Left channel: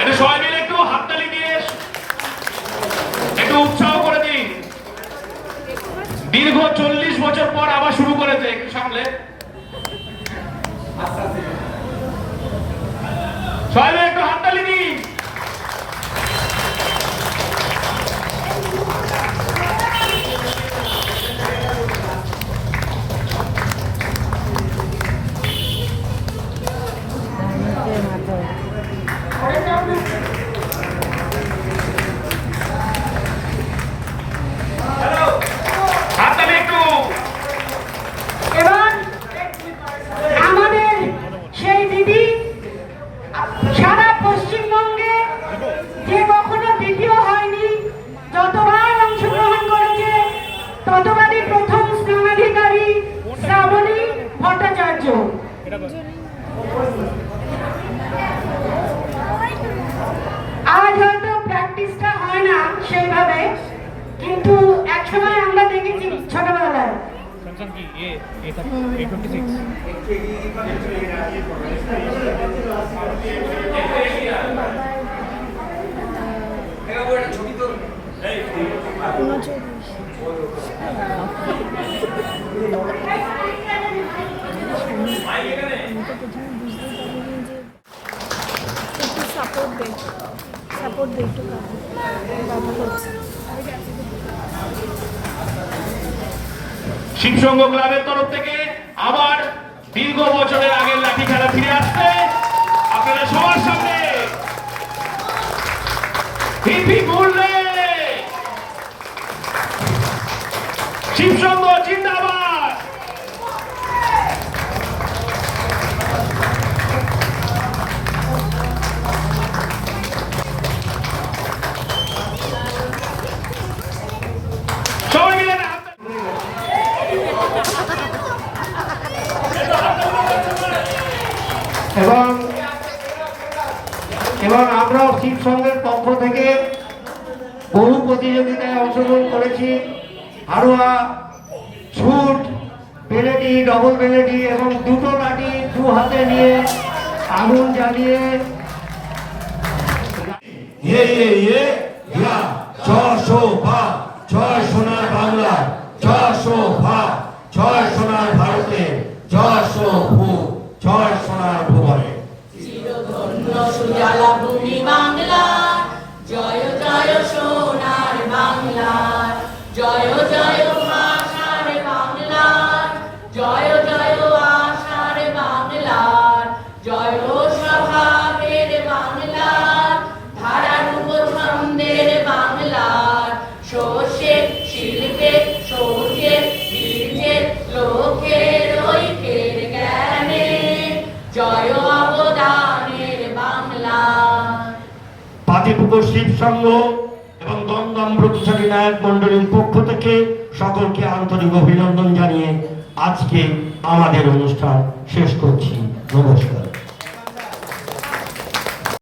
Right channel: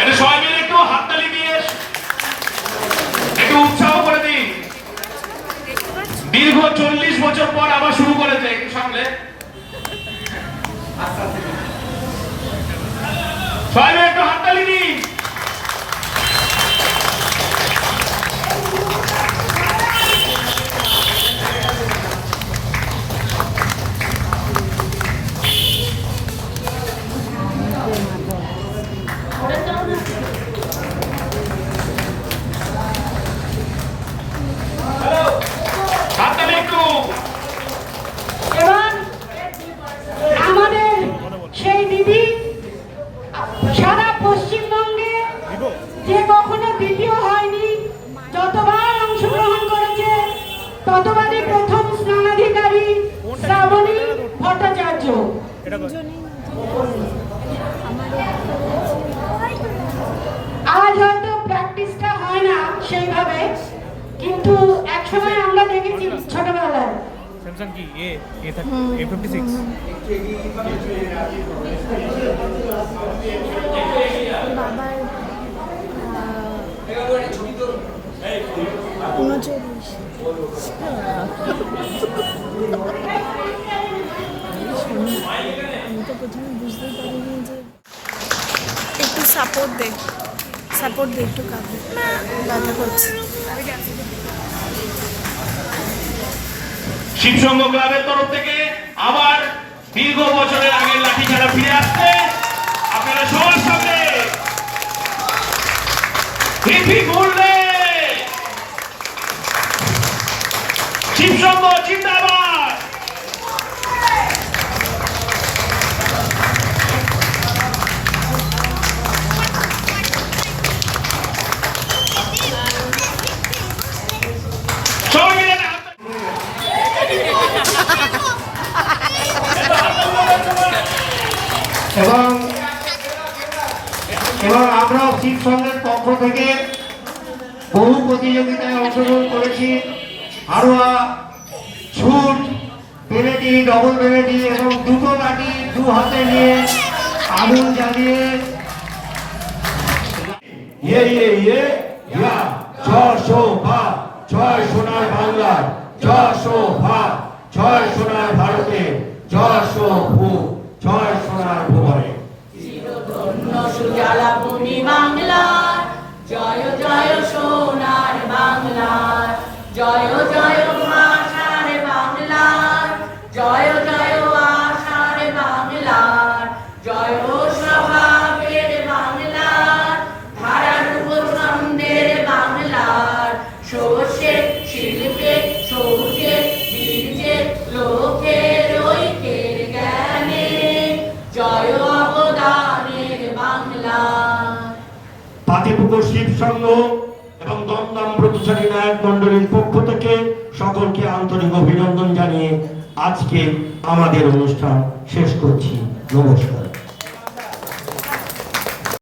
এটা সবাই মিলে একটু হাততালি দিয়ে একটু উৎসাহ করে দিন। দীর্ঘ 40 বছর পর আবার শুরু করেছে, একটু সামলে সবাই মিলে একটু হাততালি দিন। আজ হয়তো প্র্যাকটিসটা হয় না সেইভাবে, কিন্তু একসময় আমরা দেখেছি ছোটবেলায় একটু সাপোর্ট দে একটু ব্যথা করছে। শিবসংঘ ক্লাবের তরফ থেকে আবার দীর্ঘ বছরের আগের লাঠি খেলা ফিরে আসছে আপনারা সবার সামনে বললে শিবসংঘ জিন্দাবাদ। সবাই মিলে এবং আমরা শিবসংঘের পক্ষ থেকে বহু প্রতিযোগিতায় অংশগ্রহণ করেছি। হাড়ুয়া, ছুট, পেলেটি, ডবল পেলেটি এবং দুটো লাঠি দু হাতে নিয়ে আগুন জ্বালিয়ে জয় সোনার বাংলা, জয় জয় সোনার ভারতে, জয় জয় সোনার ভুবনে। সুজলা ভূমি বাংলার, জয় জয় সোনার বাংলার, জয় জয় আশার বাংলার, জয় জয় আশার বাংলার, জয় স্বভাবের বাংলার, ধারারূপ ছন্দের বাংলার, শস্যে শিল্পে সৌজে বীর্যে লোকের ঐক্যের জ্ঞানে, জয় পাতিপুকুর শিবসংঘ এবং দমদম প্রতিষ্ঠানী নায়ক মন্ডলীর পক্ষ থেকে সকলকে আন্তরিক অভিনন্দন জানিয়ে আজকে আমাদের অনুষ্ঠান শেষ করছি। নমস্কার।